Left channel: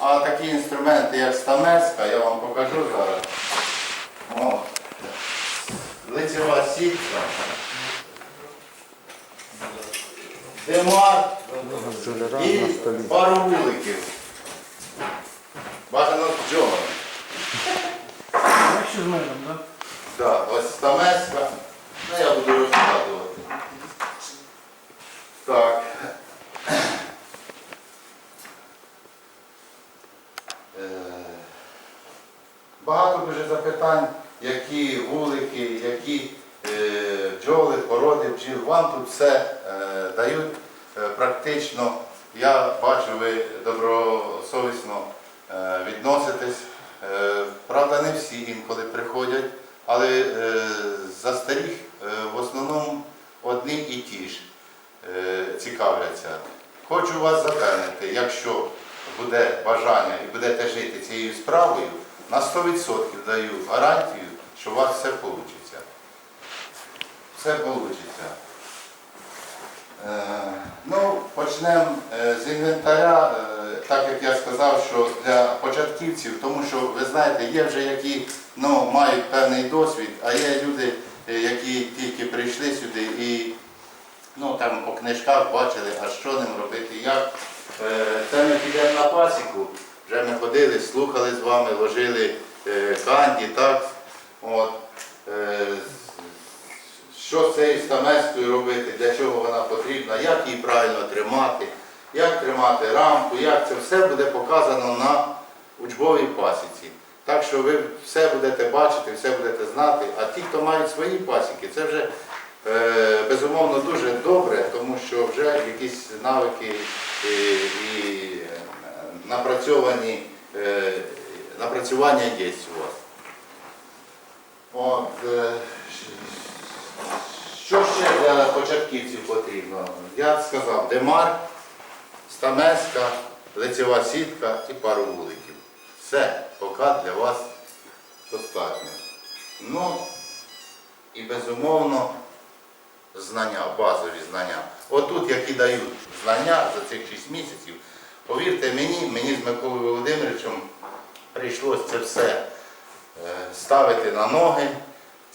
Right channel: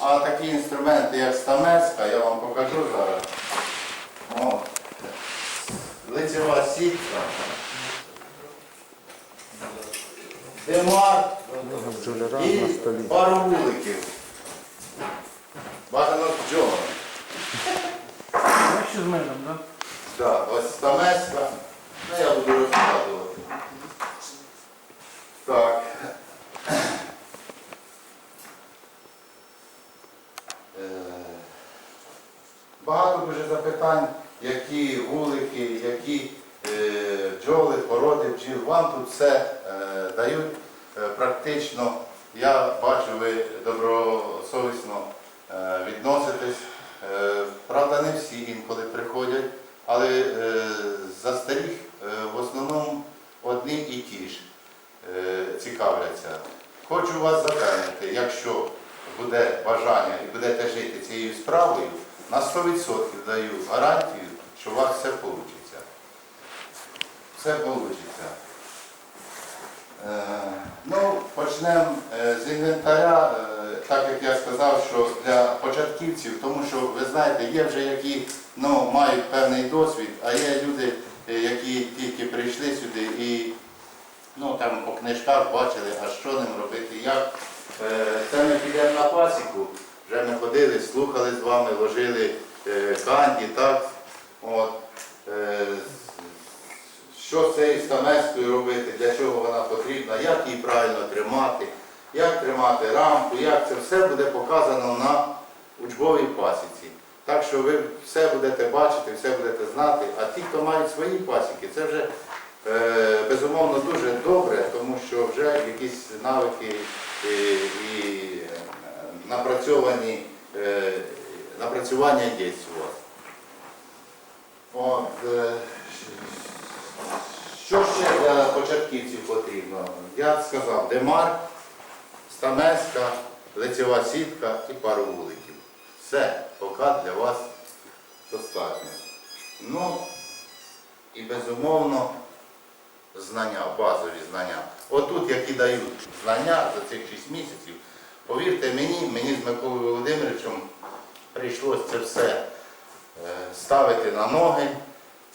А такі інструменти, як стамеска, я вам покажу зараз. О, лицева сітка. Демар і пару вуликів. Бажано з бджолами. Якщо з медом, так? Так, ось стамеска. Ну, я буду розкладувати. Так. Е, Багато дуже запитань, які вулики, які е, бджоли, породи бджіл. Вам тут все е, дають е, практично. Я бачу, ви добросовісно відноситесь. Правда, не всі інколи приходять, але застеріг е, в основному одні і ті ж цікавляться. Хочу вас запевнити, якщо буде бажання і будете жити цією справою, на 100% даю гарантію, що у вас все вийде. Все вийде. Ну, почнемо е, з інвентаря, е, так як я сказав, що для початківців, тому що ви знаєте, є вже які ну, мають певний досвід, а є люди, е, які тільки прийшли сюди і ну, там по книжках бачили, а що ним робити, як. Це ми підемо на пасіку, вже ми ходили, слухали з вами, ложили е, канді, так. От. Е, що з цією стамескою робити, для чого вона потрібна, як її правильно тримати, як тримати рамку, як це все буде показано на учбовій пасіці. Так що ви все будете бачити, все будете знати. А ті, хто мають свої пасіки, це вже е, безумовно дуже добре, тому що вже якісь навики і, і е, напрацьовані, е, напрацювання є у вас. От, е, що ще для початківців потрібно? Я сказав, демар, стамеска, лицева сітка і пару вуликів. Все, поки для вас достатньо. Ну і безумовно знання, базові знання. Отут, які дають знання за цих 6 місяців, повірте мені, мені з Миколою Володимировичем прийшлося це все е, ставити на ноги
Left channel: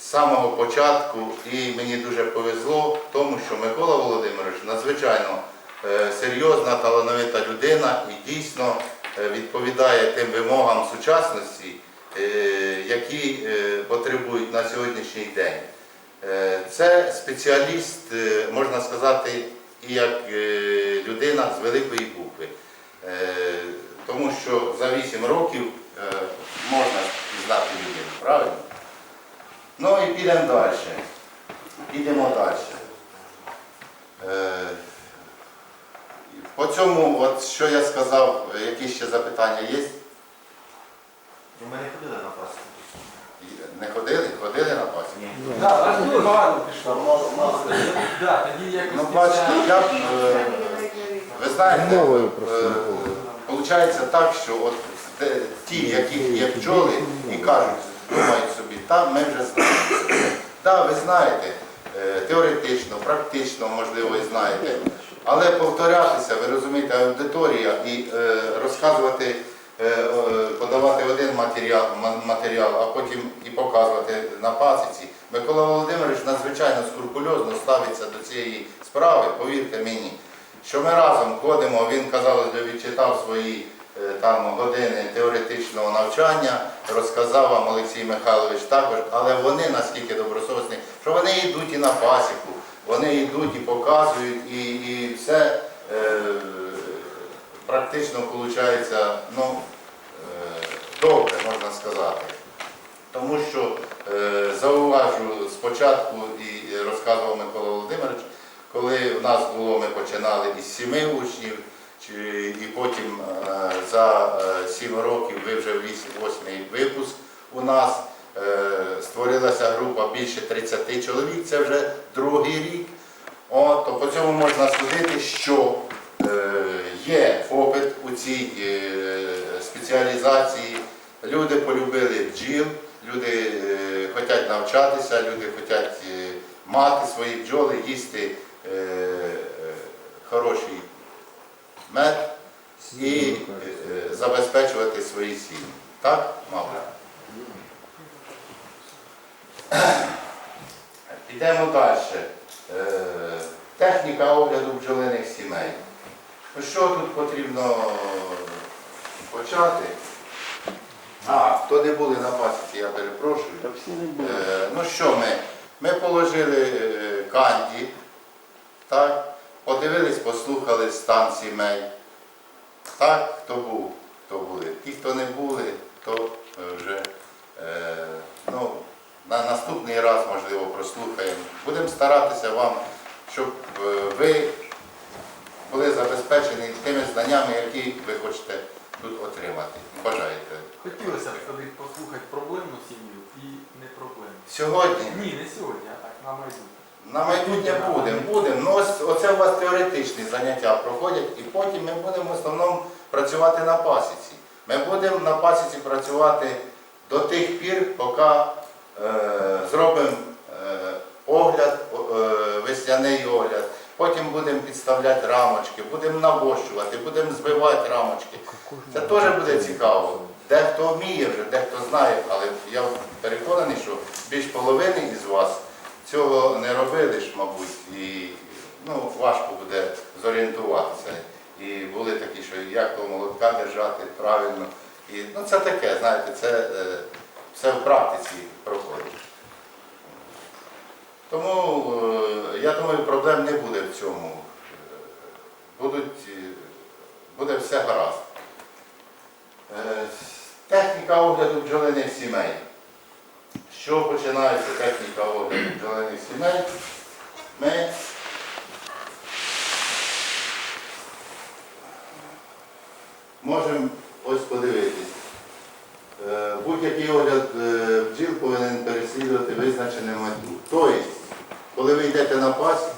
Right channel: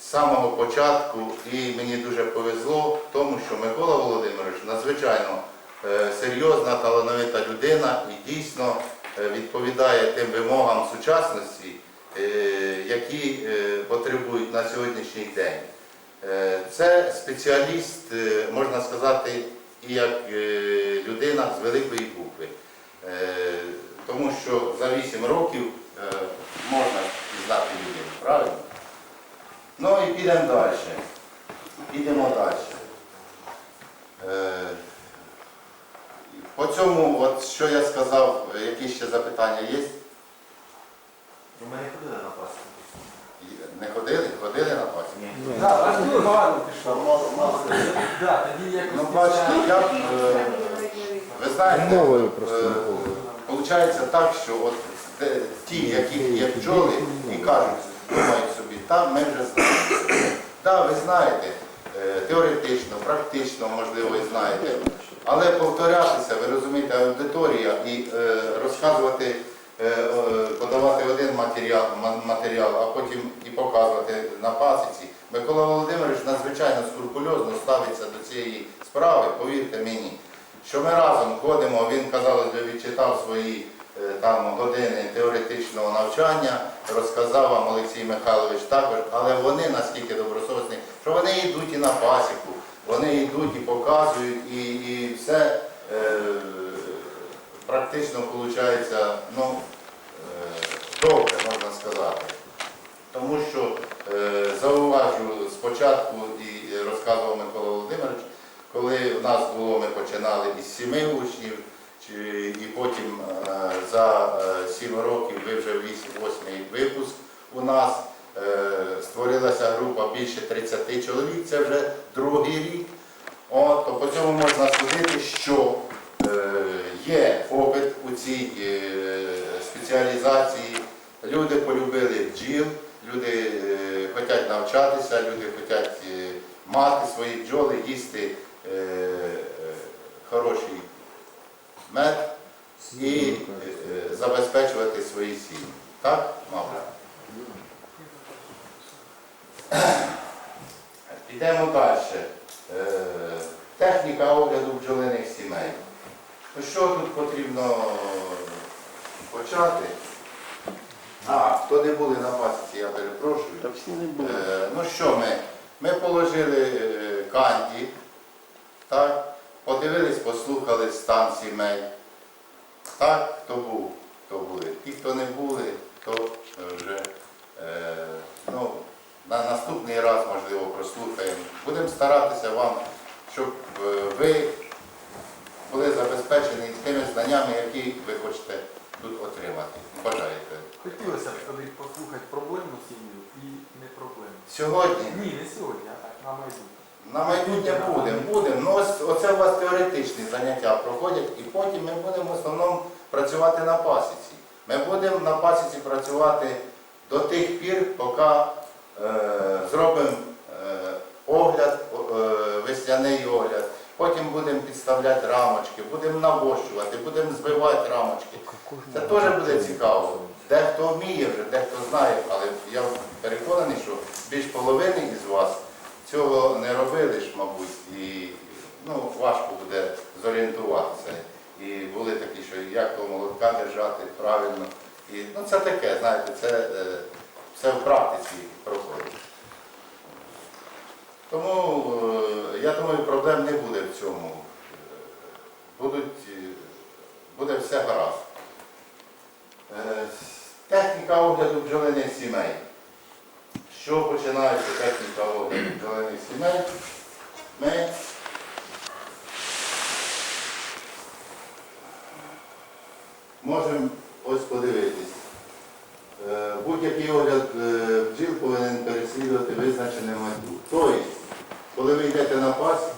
з самого початку, і мені дуже повезло в тому, що Микола Володимирович надзвичайно е, серйозна, талановита людина і дійсно е, відповідає тим вимогам сучасності, які потребують на сьогоднішній день. Це спеціаліст, можна сказати, і як людина з великої букви. Е, Тому що за 8 років е, можна пізнати людину, правильно? Ну і підемо далі. Підемо далі. Е, По цьому, от що я сказав, які ще запитання є? Ну, Ми не ходили на пасіку. Не ходили? Ходили на пасі? Ні. Так, багато пішло. Якось Ну, бачите, я, б, ви знаєте, просто, е, так, що от ті, які є бджоли, і кажуть, думають собі, там ми вже знаємо. Так, ви знаєте, е, теоретично, практично, можливо, і знаєте. Але повторятися, ви розумієте, аудиторія і е, розказувати, подавати один матеріал, матеріал, а потім і показувати на пасіці. Микола Володимирович надзвичайно скрупульозно ставиться до цієї справи, повірте мені що ми разом ходимо, він казав, що відчитав свої е, там години теоретичного навчання, розказав вам Олексій Михайлович також, але вони наскільки добросовісні, що вони йдуть і на пасіку, вони йдуть і показують, і, і все е, практично виходить ну, е, добре, можна сказати. Тому що е, зауважу спочатку і розказував Микола Володимирович, коли в нас було, ми починали із сіми учнів, і потім е, за е, сім років ви вже вісім- восьмий випуск у нас. Е, Створилася група більше 30 чоловік, це вже другий рік. От, по цьому можна судити, що є попит у цій спеціалізації. Люди полюбили бджіл, люди хочуть навчатися, люди хочуть мати свої бджоли, їсти хороший мед і е, е, забезпечувати свої сім'ї. Так, мабуть? Підемо далі. Е, Техніка огляду бджолиних сімей. Що тут потрібно почати? А, хто не були на пасіці, я перепрошую. Е, Ну що ми? Ми положили е, канді, так? подивились, послухали стан сімей. Так, хто був, хто були. Ті, хто не були, то вже е, ну, на наступний раз, можливо, прослухаємо. Будемо старатися вам, щоб е, ви були забезпечені тими знаннями, які ви хочете тут отримати. Бажаєте. Хотілося б тоді послухати проблемну сім'ю і не проблемну. Сьогодні Ні, не сьогодні, а так, на майбутнє. На майбутнє будемо, будемо. Ну, ось оце у вас теоретичні заняття проходять, і потім ми будемо в основному працювати на пасіці. Ми будемо на пасіці працювати до тих пір, поки е, зробимо е, огляд, е, весняний огляд. Потім будемо підставляти рамочки, будемо навощувати, будемо збивати рамочки. Це теж буде цікаво. Дехто вміє вже, дехто знає, але я переконаний, що більш половини із вас цього не робили ж, мабуть, і ну, важко буде зорієнтуватися. І були такі, що як того молотка держати правильно. Ну, це таке, знаєте, це все в практиці проходить. Тому е, я думаю, проблем не буде в цьому. Е, буде все гаразд. Е, Техніка огляду бджолиних сімей. Що починається техніка огляду бджолиних сімей? Ми можемо ось подивитись. Е, Будь-який огляд е, бджіл повинен переслідувати визначену мету. Тобто, коли ви йдете на пасіку,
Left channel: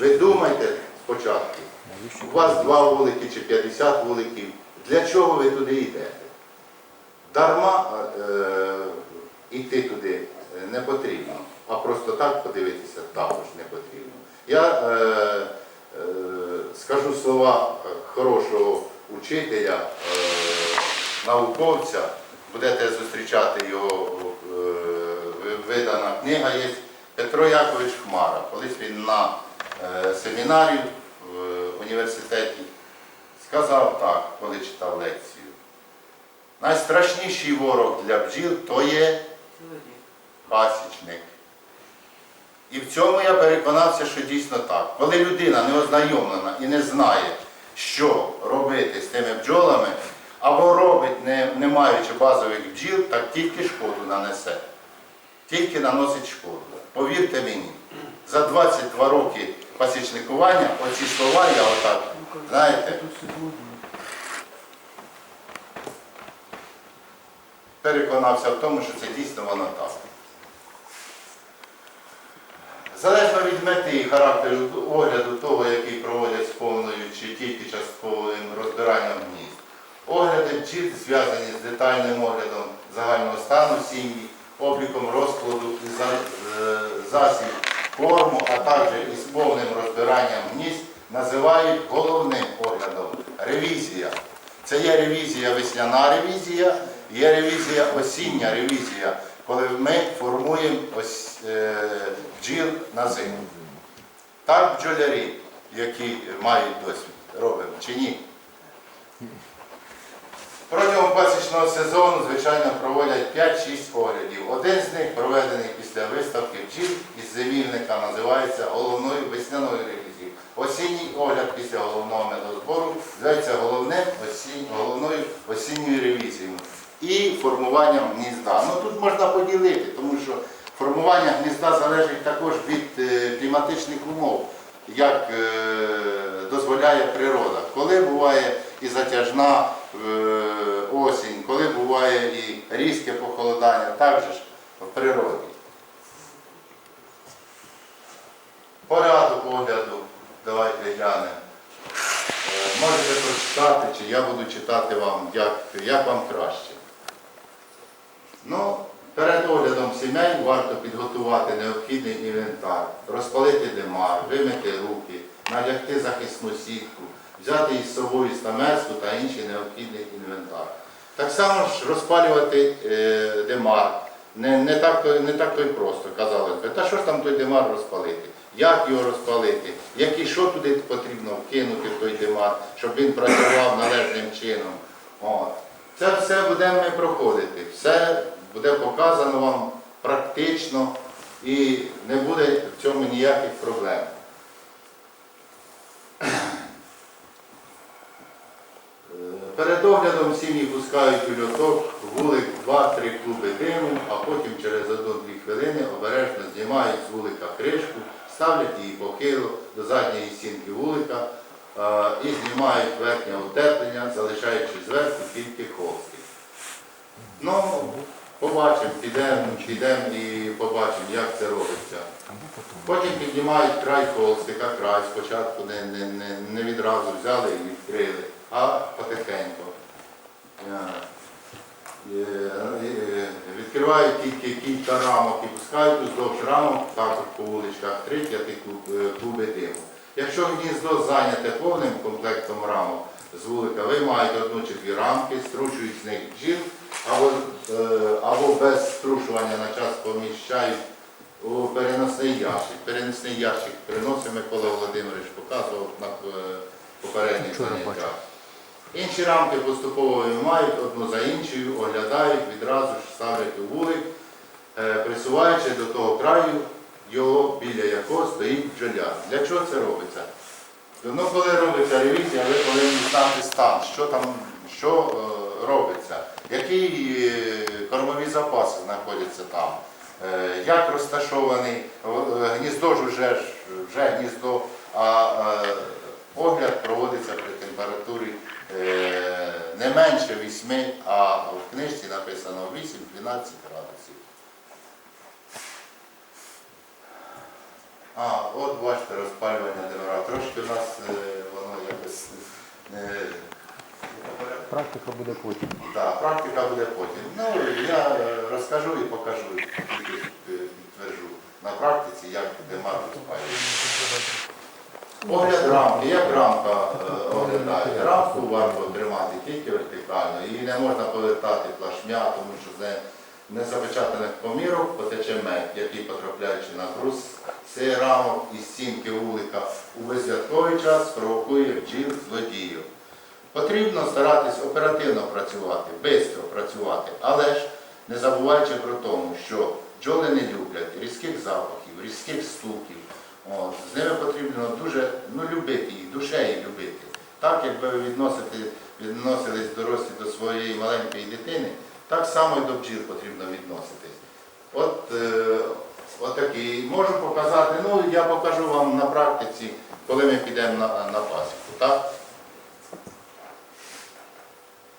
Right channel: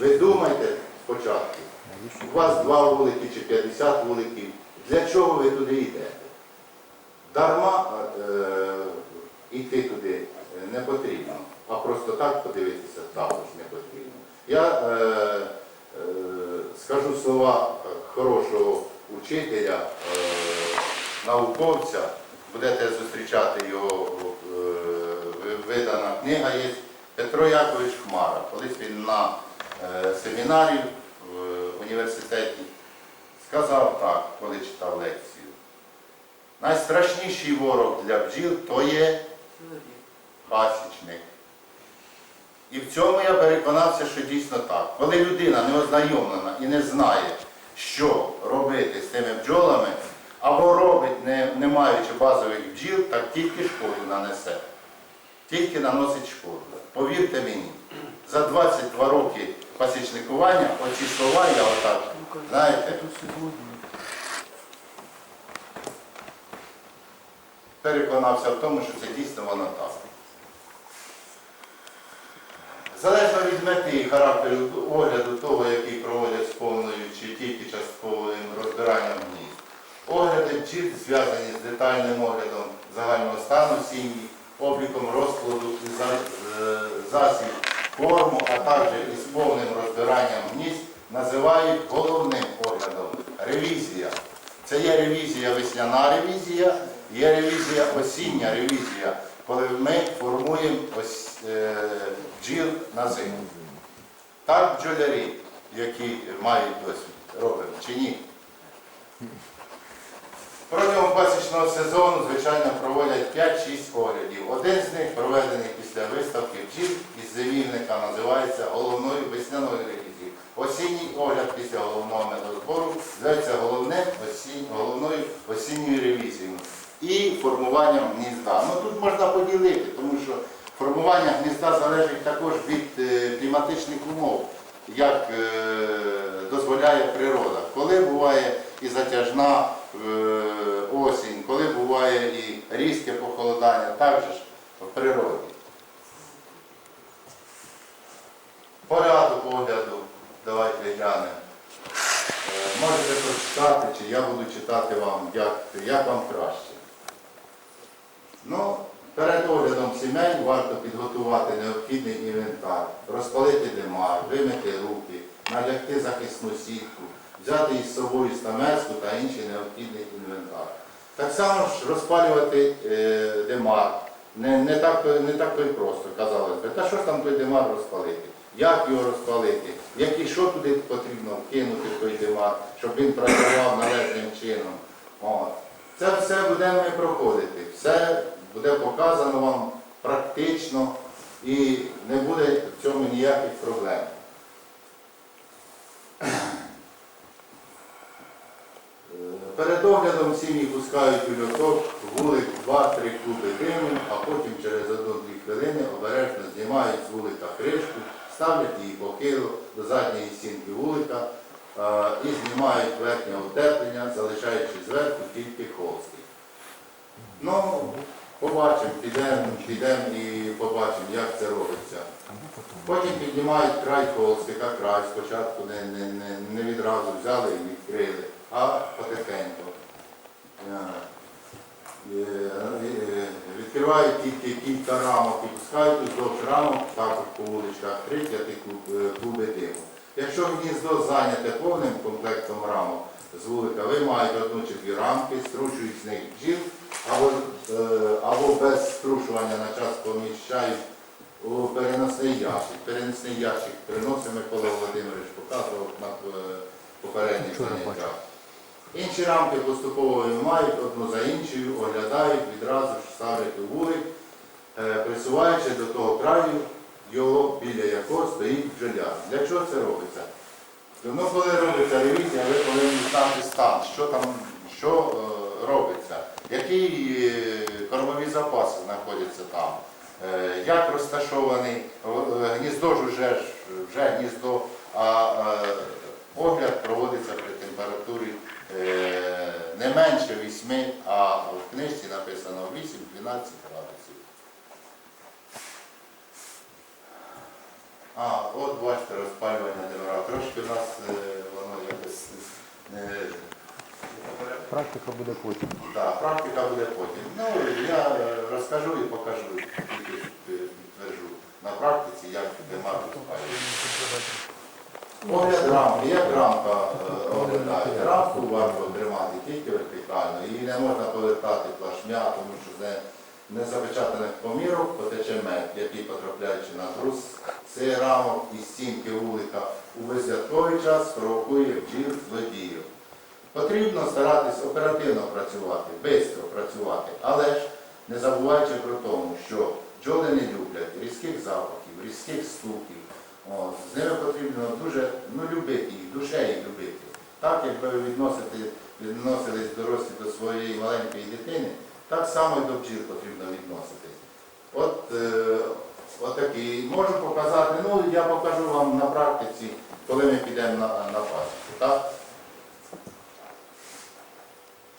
ви думайте спочатку, у вас два вулики чи 50 вуликів, для чого ви туди йдете? Дарма е, йти туди е, не потрібно, а просто так подивитися також не потрібно. Я е, е, скажу слова е, хорошого учителя, е, науковця, будете зустрічати його, е, видана книга є Петро Якович Хмара. Колись він на е, семінарі в університеті сказав так, коли читав лекцію. Найстрашніший ворог для бджіл то є пасічник. І в цьому я переконався, що дійсно так. Коли людина не ознайомлена і не знає, що робити з тими бджолами, або робить, не, не маючи базових бджіл, так тільки шкоду нанесе. Тільки наносить шкоду. Повірте мені, за 22 роки пасічникування оці слова я отак, знаєте, переконався в тому, що це дійсно воно так. Залежно від мети і характеру огляду того, який проводять з повною чи тільки частковим розбиранням гнізд. Огляди бджіл зв'язані з детальним оглядом загального стану сім'ї, обліком розкладу і е, засіб корму, а також із повним розбиранням гнізд називають головним оглядом ревізія. Це є ревізія весняна ревізія, є ревізія осіння ревізія, коли ми формуємо ось, е, бджіл на зиму. Так бджолярі, які мають досвід, робимо чи ні? Протягом пасічного сезону, звичайно, проводять 5-6 оглядів. Один з них проведений після виставки бджіл із зимівника, називається головною весняною ревізією. Осінній огляд після головного медозбору зветься головним осінь, головною осінньою ревізією і формуванням гнізда. Ну тут можна поділити, тому що формування гнізда залежить також від е, кліматичних умов, як е, дозволяє природа. Коли буває і затяжна е, осінь, коли буває і різке похолодання, так же ж в природі. Порядок огляду, давайте глянемо. Можете прочитати, чи я буду читати вам, як, як вам краще. Ну, перед оглядом сімей варто підготувати необхідний інвентар, розпалити димар, вимити руки, налягти захисну сітку, взяти із собою стамеску та інший необхідний інвентар. Так само ж розпалювати е, демар. Не, не, так, не так то й просто, казалось би. Та що ж там той демар розпалити? Як його розпалити? Які, що туди потрібно вкинути в той демар, щоб він працював належним чином? От. Це все будемо ми проходити. Все буде показано вам практично і не буде в цьому ніяких проблем. Е, Перед оглядом сім'ї пускають у льоток, вулик 2-3 клуби диму, а потім через 1-2 хвилини обережно знімають з вулика кришку, ставлять її похило до задньої стінки вулика е, і знімають верхнє утеплення, залишаючи зверху тільки холсти. Ну, побачимо, підемо, підемо і побачимо, як це робиться. Потім піднімають край холстика, край спочатку не, не, не, не відразу взяли і відкрили, а потихеньку. Е, е, е, Відкривають тільки кілька рамок і пускають уздовж рамок, також по вуличках 3-5 клуб- е, клуби диму. Якщо гніздо зайняте повним комплектом рамок з вулика, ви маєте одну чи дві рамки, стручують з них бджіл, або, е, або без струшування на час поміщають у переносний ящик. Переносний ящик приносить Микола Володимирович, показував на е, попередніх заняттях. Інші рамки поступово виймають одну за іншою, оглядають, відразу ж ставлять у вулик, е, присуваючи до того краю, його, біля якого стоїть бджоляр. Для чого це робиться? Ну, коли робиться ревізія, ви повинні знати стан, що там, що е, робиться, які е, кормові запаси знаходяться там, е, як розташований, гніздо ж вже, вже гніздо, а огляд проводиться при температурі не менше 8, а в книжці написано 8-12 градусів. А, от бачите, розпалювання демара. Трошки у нас е, воно якось не. Практика буде потім. Да, практика буде потім. Ну, я розкажу і покажу, тільки підтверджу на практиці, як демар розпалюється. Огляд рамки, як рамка е, оглядається. Рамку варто тримати тільки вертикально. Її не можна повертати плашмя, тому що не, не запечатаних помірок потече мед, який потрапляючи на груз цей рамок і стінки вулика у безвятковий час провокує бджіл злодіїв. Потрібно старатись оперативно працювати, швидко працювати, але ж не забуваючи про тому, що бджоли не люблять різких запахів, різких стуків. От, з ними потрібно дуже ну, любити їх, душею любити. Так, якби ви відносите, відносились дорослі до своєї маленької дитини, так само і до бджіл потрібно відноситись. От, е, отакий. Можу показати, ну я покажу вам на практиці, коли ми підемо на, на пасіку. Так?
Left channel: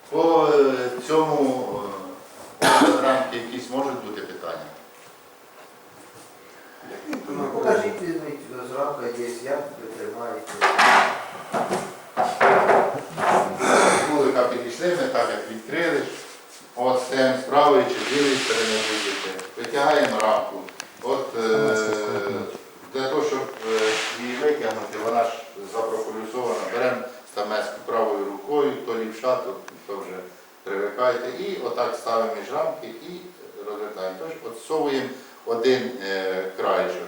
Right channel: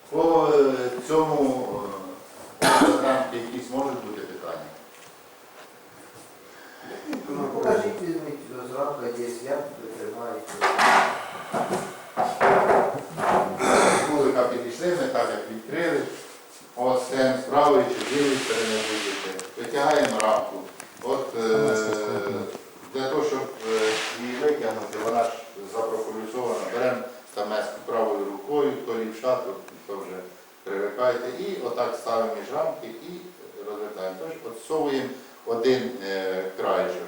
По е, цьому е, якісь можуть бути питання? Ну, покажіть, зранку є, як ви тримаєте. Вулика підійшли, ми так як відкрили. От стаємо з правої чи з лівої сторони будете. Витягаємо рамку. От е, для того, щоб е, її витягнути, вона ж запрополюсована. Беремо стамеску правою рукою, то лівша, то, то вже привикайте. І отак ставимо між рамки і розвертаємо. Тож отсовуємо один е, краєшок.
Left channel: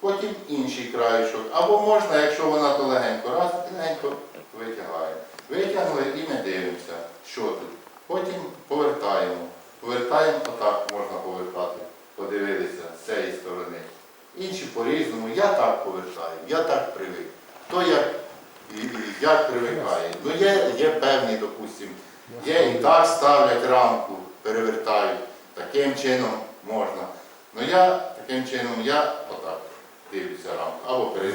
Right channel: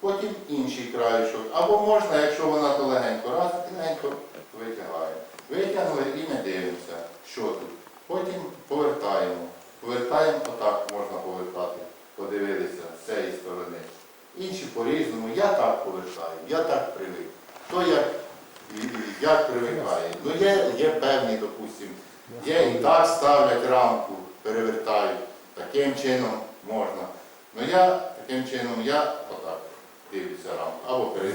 Потім інший краєшок. Або можна, якщо вона то легенько, раз легенько витягаємо. Витягнули і ми дивимося, що тут. Потім повертаємо. Повертаємо, отак можна повертати. Подивилися з цієї сторони. Інші по-різному. Я так повертаю, я так привик. Хто як, як привикає. Ну є, є певні, допустимо, є і так ставлять рамку, перевертають. Таким чином можна. Ну я таким чином я отак дивлюся рамку. Або е,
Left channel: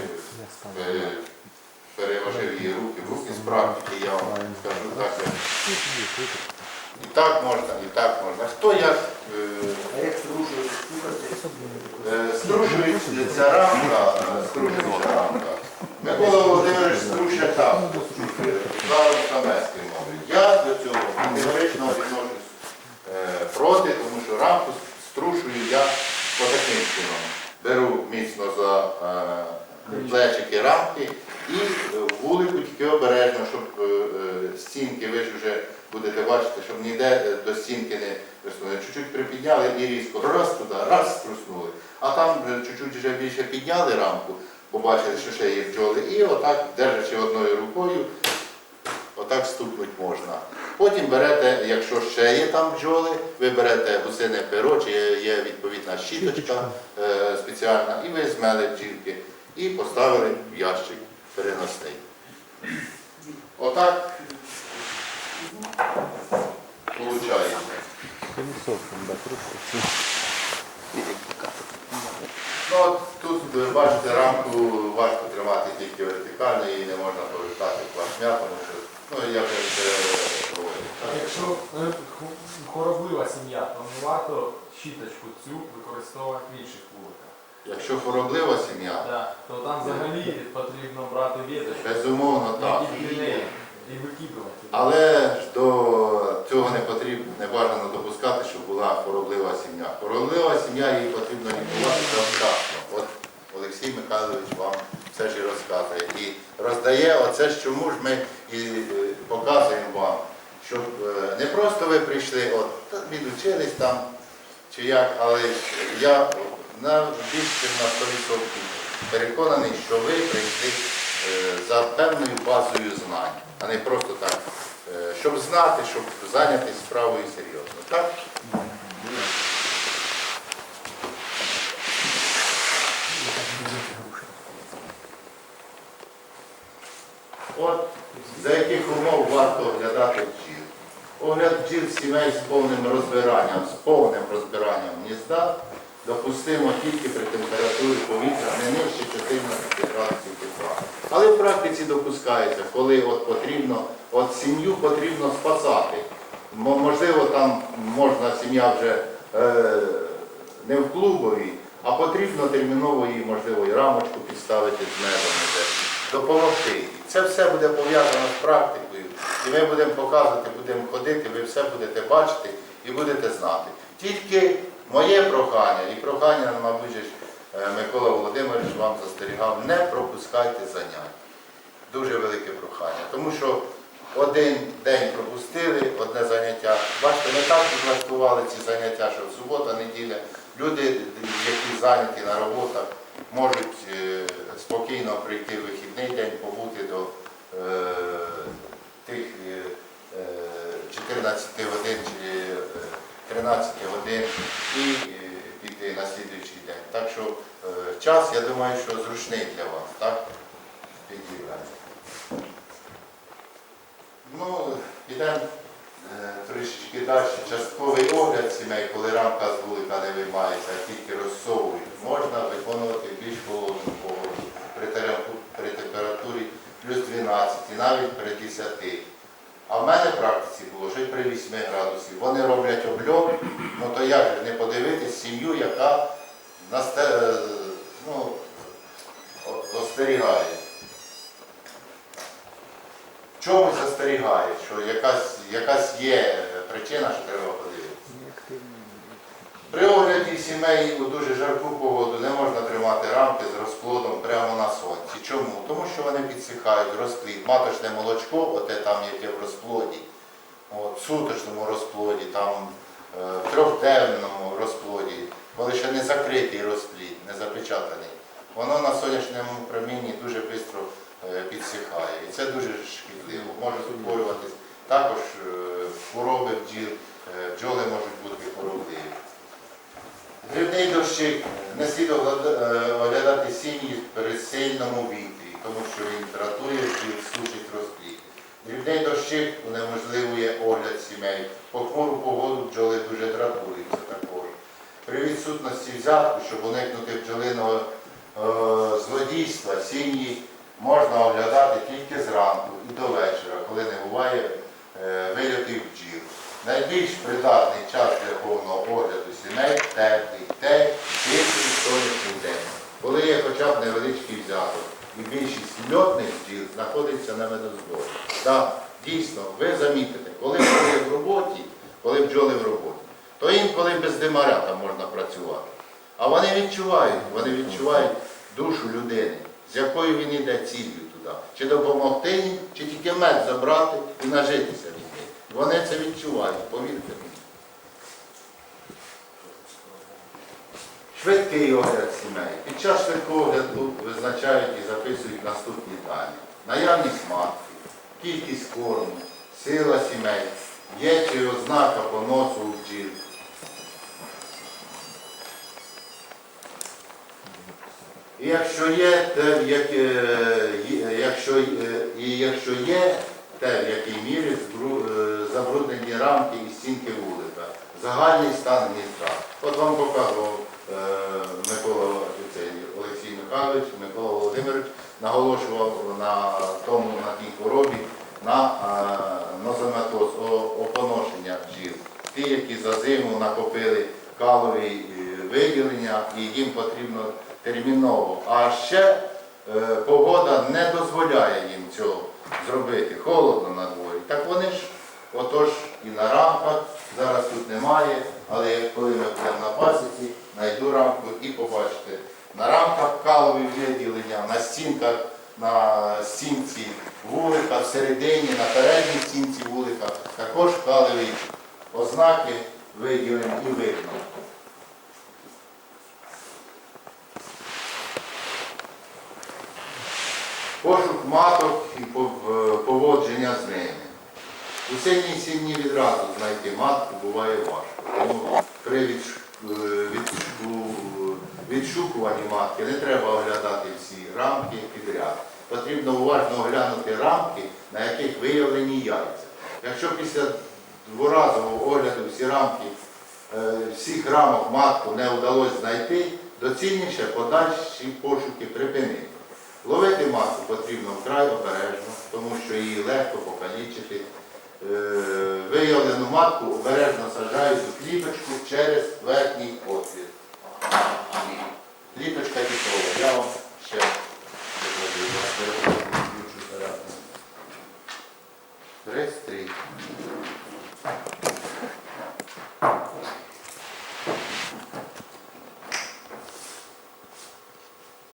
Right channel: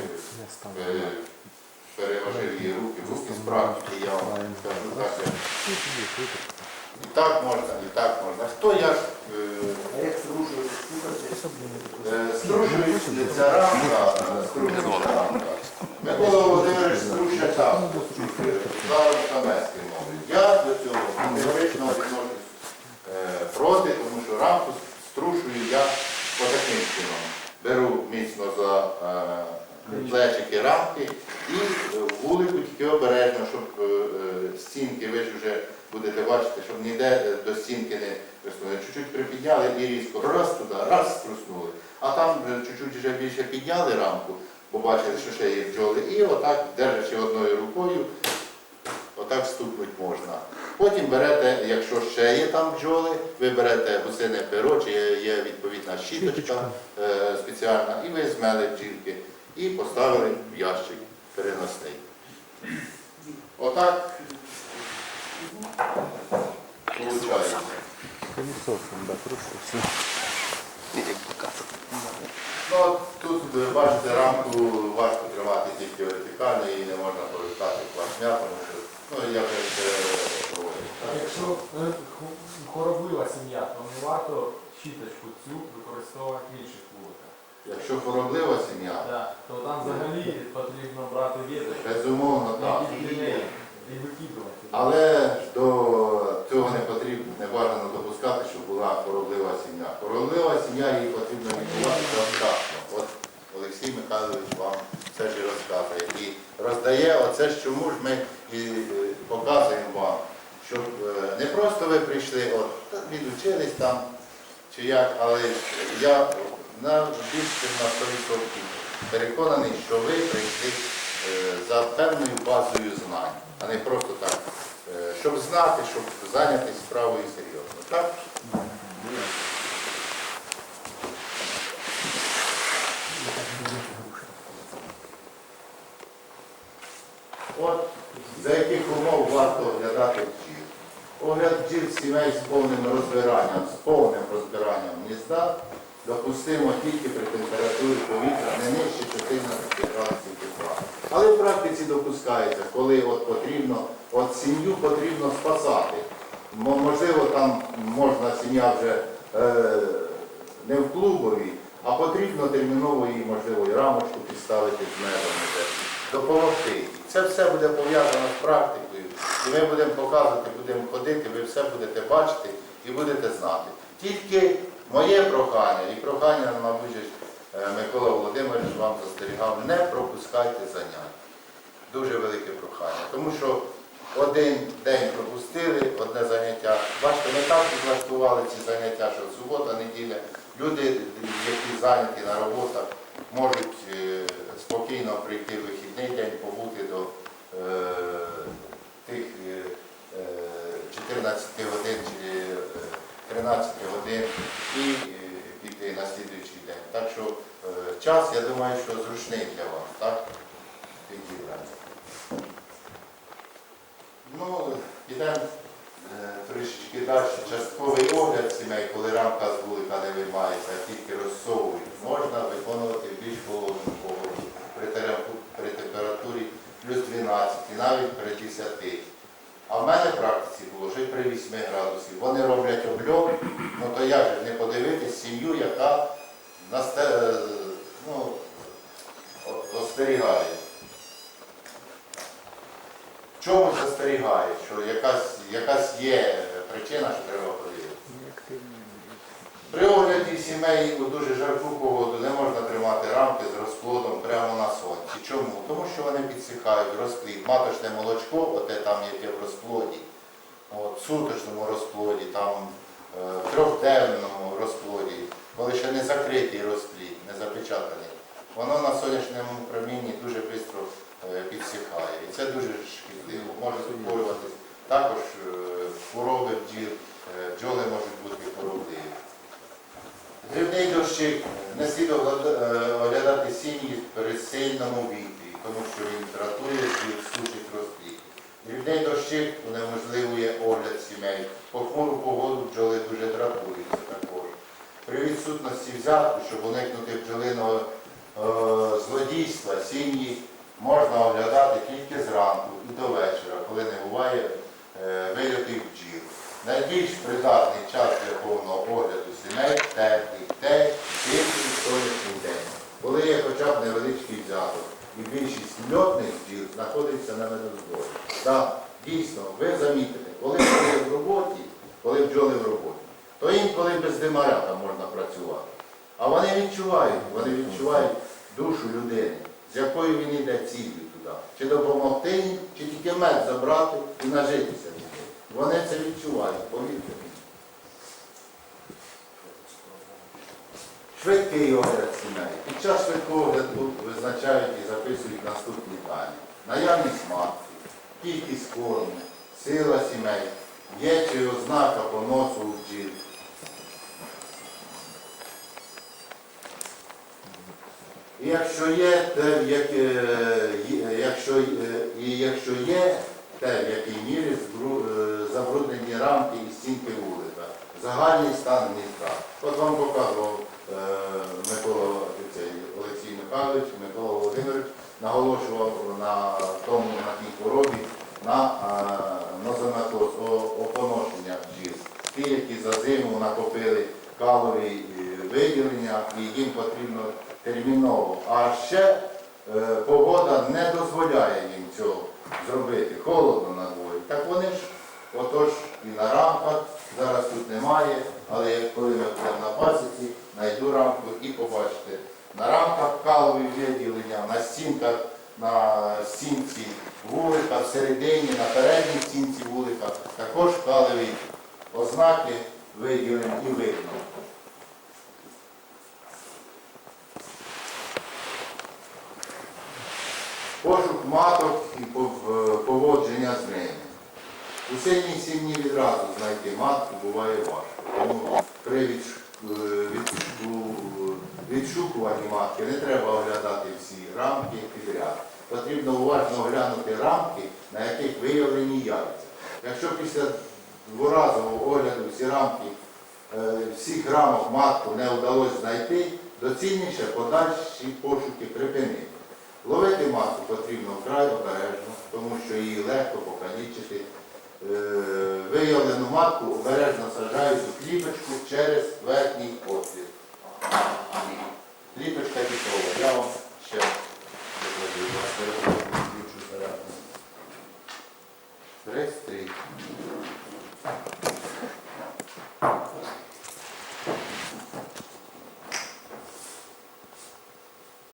її руки, в руки з практики, я вам скажу так. як І так можна, і так можна. Хто як е, як слухайте? е, струшується ця рамка, е, струшується рамка. Микола Володимирович струшує так. е, Зараз самецькою мовою. Я до цього категорично відношусь е, проти, тому що рамку струшую я отаким чином. Беру міцно за е, плечики рамки і е, вулику тільки обережно, щоб стінки, ви ж вже будете бачити, щоб ніде до стінки не присунули. Чуть-чуть припідняли і різко раз туди, раз струснули. А там чуть-чуть вже більше підняли рамку, побачили, що ще є бджоли, і отак, держачи одною рукою, отак стукнуть можна. Потім берете, якщо ще є там бджоли, ви берете гусине перо, чи є, відповідна щіточка е, спеціальна, і ви змели бджілки і поставили в ящик переносний. Отак виходить. Ну, тут ви бачите рамку важко тримати тільки вертикально, її не можна повертати плашмя, тому що ну, я вже це говорив. Якщо е, ху- хвороблива сім'я, то не варто щіточку цю використовувати в інших вуликах. Якщо хвороблива сім'я, Да. То там взагалі потрібно брати віточку, безумовно так. які неї і викидувати. Але ж до цього не потрібно, не бажано допускати, щоб була хвороблива сім'я. Хвороблива сім'я її потрібно лікувати завчасно. От Олексій Михайлович вам все ж і розказує. І роздає оце, ж чому ж ми і е, показуємо вам, щоб е, не просто ви прийшли, от відучились там чи як, але я на більше на 100% переконаний, що ви прийшли е, за певною базою знань, а не просто так, е, щоб знати, щоб зайнятися справою серйозно. Так? От за яких умов варто оглядати бджіл. Огляд бджіл сімей з повним розбиранням, з повним розбиранням гнізда допустимо тільки при температурі повітря не нижче 14 градусів тепла. Але в практиці допускається, коли от потрібно, от сім'ю потрібно спасати. Можливо, там можна сім'я вже е, не в клубові, а потрібно терміново їй, можливо, і рамочку підставити з межами допомогти. їй. Це все буде пов'язано з практикою. І ми будемо показувати, будемо ходити, ви все будете бачити і будете знати. Тільки моє прохання і прохання, мабуть, е, Микола Володимирович вам застерігав, не пропускайте занять. Дуже велике прохання. Тому що один день пропустили, одне заняття. Бачите, ми так влаштували ці заняття, що субота, неділя. Люди, які зайняті на роботах, можуть е, спокійно прийти в вихідний день, побути до е, тих е, е, 14 годин чи е, 13 годин і е, піти на слідуючий день. Так що е, час, я думаю, що зручний для вас, так? Підібраний. Ну, підемо е, трішечки далі. Частковий огляд сімей, коли рамка з вулика не виймається, а тільки розсовують, можна виконувати більш холодну погоду при, температурі плюс 12 і навіть при 10. А в мене в практиці було й при 8 градусів. Вони роблять обльот, ну то як же не подивитись сім'ю, яка насте, е, ну, остерігає. Чому застерігає, що якась, якась є причина, що треба подивитися. При огляді сімей у дуже жарку погоду не можна тримати рамки з розплодом прямо на сонці. Чому? Тому що вони підсихають розплід. Маточне молочко, оте там яке в розплоді, от, в суточному розплоді, там е, в трьохденному розплоді, коли ще не закритий розплід, не запечатаний, воно на сонячному промінні дуже швидко підсихає. І це дуже шкідливо. Може утворюватись також е, хвороби бджіл, е, бджоли можуть бути хворобливі. Дрібний дощик не слід оглядати- е, сім'ї при сильному вітрі, тому що він дратує бджіл, сушить розплід. Дрібний дощик унеможливує огляд сімей. По хмуру погоду бджоли дуже дратуються також. При відсутності взятку, щоб уникнути бджолиного е, злодійства, сім'ї можна оглядати тільки зранку і до вечора, коли не буває е, бджіл. Найбільш придатний час для повного огляду сімей теплий, те, тихий сонячний день, коли є хоча б невеличкий взяток. І більшість льотних бджіл знаходиться на медозборі. Так, дійсно, ви замітите, коли бджоли в роботі, коли бджоли в роботі, то інколи без димаря там можна працювати. А вони відчувають, вони відчувають душу людини, з якою він іде ціллю туди. Чи допомогти їм, чи тільки мед забрати і нажитися туди. Вони це відчувають, повірте мені. Швидкий огляд сімей. Під час швидкого огляду визначають і записують наступні дані. Наявність матки, кількість корму, сила сімей, є чи ознака поносу у бджіл. І якщо є, те, як, е, якщо, е, і якщо є те, в якій мірі е, забруднені рамки і стінки вулика, загальний стан гнізда. От вам показував е, Микола цей, Олексій Михайлович, Микола Володимирович наголошував на тому, на тій хворобі, на е, нозематоз, опоношення бджіл. Ті, які за зиму накопили калові е, виділення і їм потрібно терміново. А ще е, погода не дозволяє їм цього зробити. Холодно на дворі. Так вони ж, отож, і на рамках, зараз тут немає, але як коли ми будемо на пасіці, знайду рамку і побачите. На рамках калові виділення, на стінках, на стінці вулика, всередині, на передній стінці вулика, також калові ознаки виділені і видно. Пошук маток і поводження з ними. У сильній сім'ї відразу знайти матку буває важко. Тому при е, відшукуванні матки не треба оглядати всі рамки підряд. Потрібно уважно оглянути рамки, на яких виявлені яйця. Якщо після дворазового огляду всі рамки, е, всіх рамок матку не вдалося знайти, доцільніше подальші пошуки припинити. Ловити масу потрібно вкрай обережно, тому що її легко покалічити. Е, виявлену матку обережно саджають у кліпочку через верхній отвір. Кліпочка дітова. Я вам ще викладу. Реєстрій.